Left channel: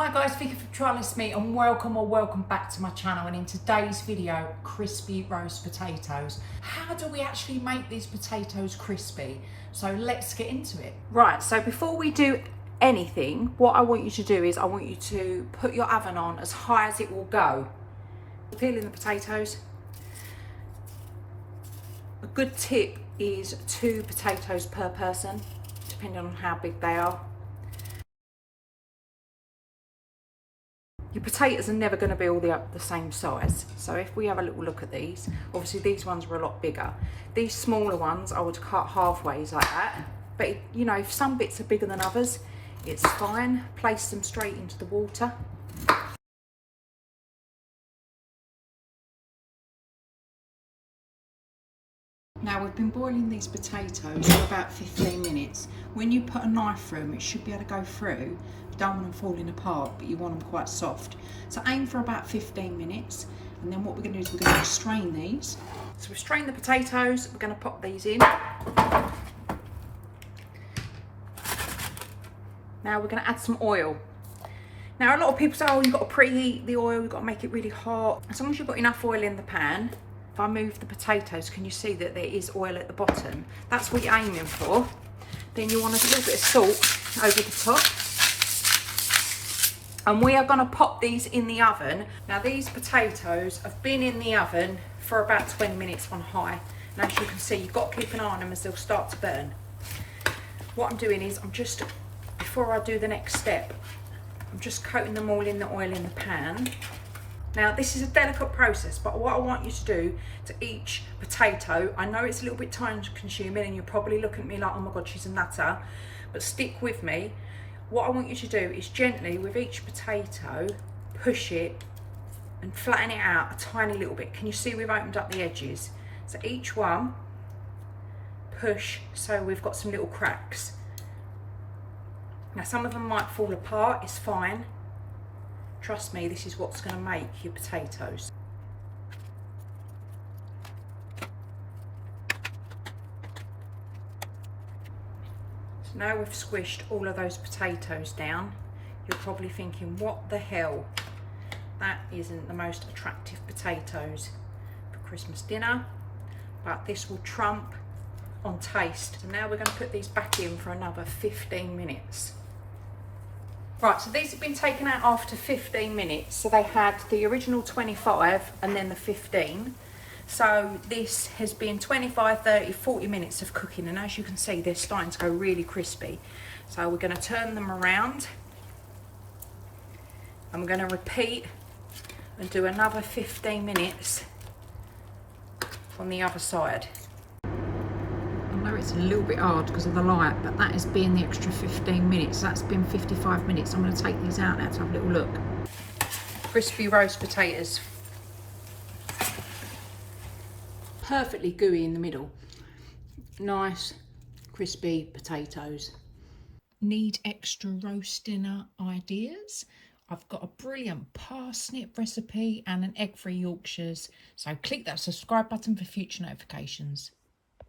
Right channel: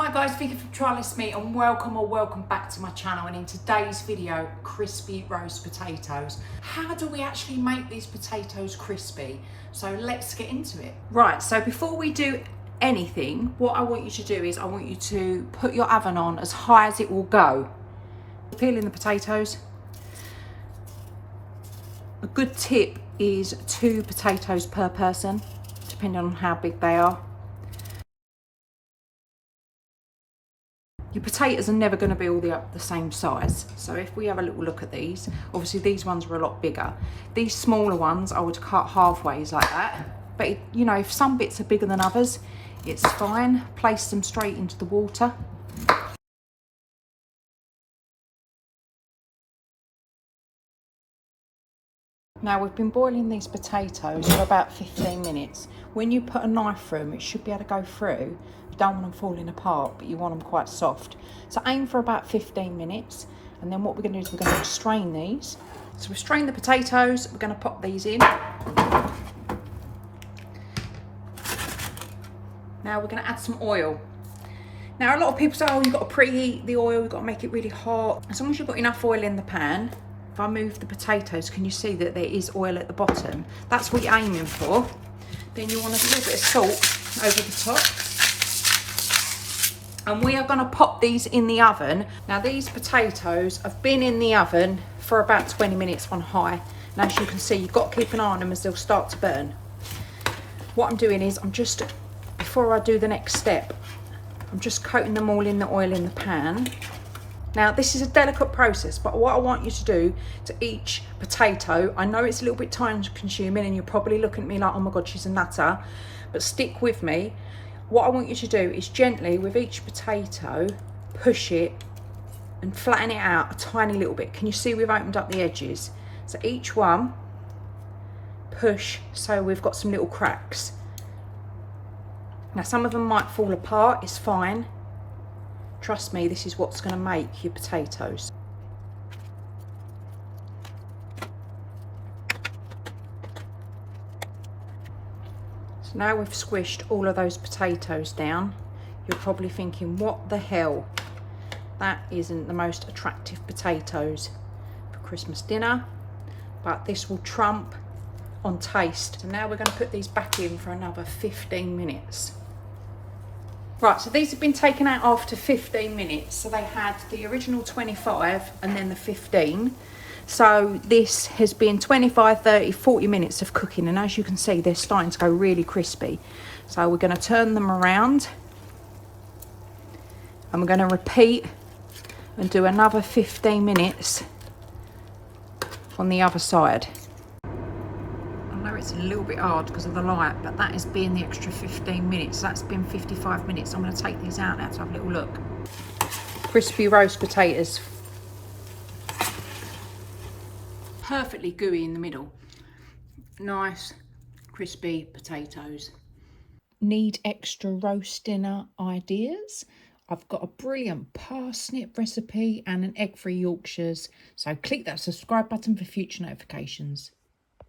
Hi guys, Vicky from trylessmeat and welcome back to my channel. And in today's video, crispy roast potatoes. How do we actually make these potatoes crispy? So let's get into it. Right, so before we do anything, what I want you to do is I want you to put your oven on as high as it will go. Peeling the potatoes. A good tip is 2 potatoes per person, depending on how big they are. Your potatoes are never going to be all the same size. So if we have a little look at these, obviously these ones were a lot bigger. These smaller ones I would cut halfways like that. But you know, if some bits are bigger than others, it's fine. Place them straight into the water. Now we've been boiling these potatoes for about 15 minutes. When you put a knife through them, it should be able to go through. You don't want them falling apart, but you want them quite soft. So aim for about 15 minutes. And then what we're going to do is we're going to strain these. So we've strained the potatoes. We're going to pop these in. Now we're going to add some oil. Now a lot of people say, oh, you've got to preheat the oil, you've got to make it really hot. As long as you've got enough oil in the pan. If I move the potatoes, can you see that there is oil at the bottom? That's what you're aiming for. Then you want a little bit of salt over the top. And we are going to pop these in the oven. Now these potatoes have been in the oven for about 20 minutes on high. And as you can see, you've got to keep an eye on them as they'll start to burn. What I'm doing is, before I do the next step, I'm just coating them all in the oil in the pan. Now this is a delicate process, but what I want you to do to each potato, I know it's a little bit time consuming and you're probably looking at me like, oh my God, she's a nutter, but stick with me. What I want you to do is gently with each potato, push it and flatten it out a tiny little bit. Can you see we've opened up the edges? So each one, push so we've got some little cracks. Now some of them might fall apart, it's fine. Trust me, this is what's going to make your potatoes. So now we've squished all of those potatoes down. You're probably thinking, what the hell? That isn't the most attractive potatoes for Christmas dinner, but this will trump on taste. So now we're going to put these back in for another 15 minutes. Right, so these have been taken out after 15 minutes. So they had the original 25 and then the 15. So this has been 25, 30, 40 minutes of cooking. And as you can see, they're starting to go really crispy. So we're going to turn them around. And we're going to repeat and do another 15 minutes on the other side. It's a little bit hard because of the light, but that has been the extra 15 minutes. That's been 55 minutes. I'm going to take these out now to have a little look. Crispy roast potatoes. Perfectly gooey in the middle. Nice crispy potatoes. Need extra roast dinner ideas? I've got a brilliant parsnip recipe and an egg-free Yorkshires. So click that subscribe button for future notifications.